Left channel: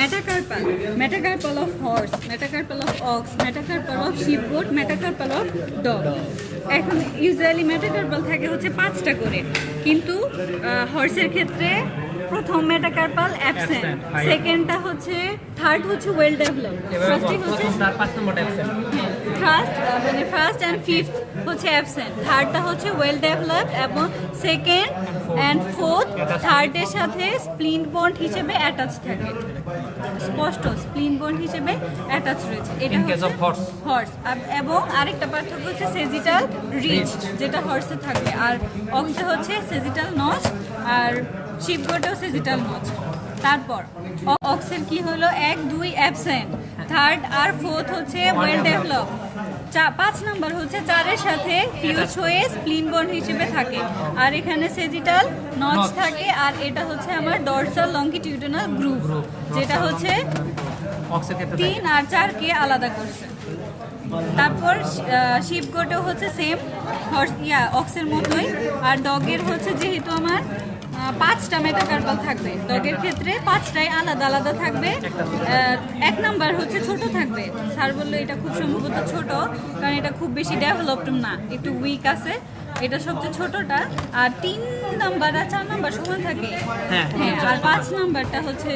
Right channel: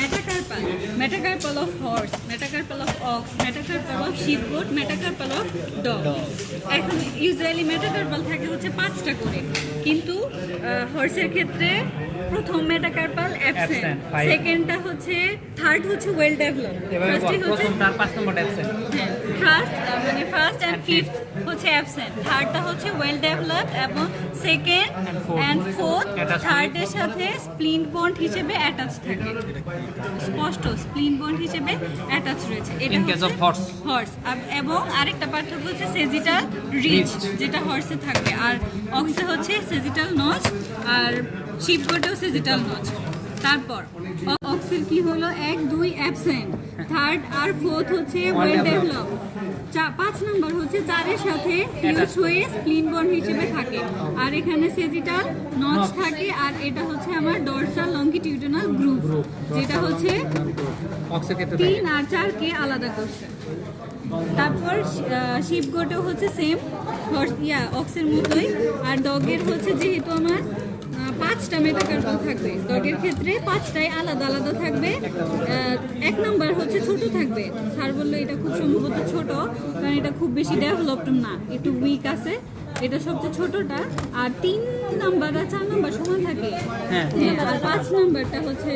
metacarpal, metacarpal of horse, metacarpal of ox, metacarpal of sheep goat, metacarpal of dog. এখন usually metacarpal থাকে হচ্ছে 5টা করে, কিন্তু হর্সের ক্ষেত্রে প্রথম মেটাকার্পাল অ্যাবসেন্ট, সেকেন্ডটা হচ্ছে, থার্ড হচ্ছে ওয়েল ডেভেলপ, ফার্স্টই হচ্ছে ফার্স্ট অ্যান্ড ফিফথ হচ্ছে অ্যাবসেন্ট, থার্ডটা হচ্ছে ওয়েল ডেভেলপ এবং সেকেন্ড অ্যান্ড ফোর্থ থার্ডের সাথে স্প্লিন বোন হিসেবে অ্যাটাচ থাকে, স্পষ্ট স্প্লিন বোন হিসেবে অ্যাটাচ রয়েছে। এটা হচ্ছে হর্স। এবং আরেকটা পার্থক্য হচ্ছে সেজিটাল রিচ, যেটা হর্সে থাকবে, আর অক্সে হচ্ছে সেজিটাল নচ, আর শিপ গোটেও সেজিটাল নচ। তারপর অক্সের কি হলো, 1, 2 অ্যাবসেন্ট, থার্ড আর ফোর্থ হচ্ছে ওয়েল ডেভেলপ, 5 নাম্বার হচ্ছে 4-এর সাথে ফিউজ হয়ে স্প্লিন বোন হিসেবে থাকে, আর এখানে সেজিটাল নচ থাকে, আর এটা হচ্ছে আমার ডরসাল লংগিটিউডিনাল গ্রুভ, যেটা হচ্ছে 3 আর 4-কে আলাদা করছে। তারপর শিপ গোটেও হচ্ছে সেম অক্সের মতোই, আর ডগের হচ্ছে যেহেতু আমার 5টা মেটাকার্পাল থাকবে, ডগের ক্ষেত্রে 5টাই আলাদা আলাদা থাকবে। 1 নাম্বার হচ্ছে ছোট থাকবে, স্যার বললো এটা খুব সম্ভবত ছোট, কারণ এটা খুব বেশি ডেভেলপড না, একটু উইক আছে, এটা সবচেয়ে ছোটটা। আর 3 নাম্বার আর 4 নাম্বার সমান থাকে, হ্যাঁ, আর 5 নাম্বারটা হচ্ছে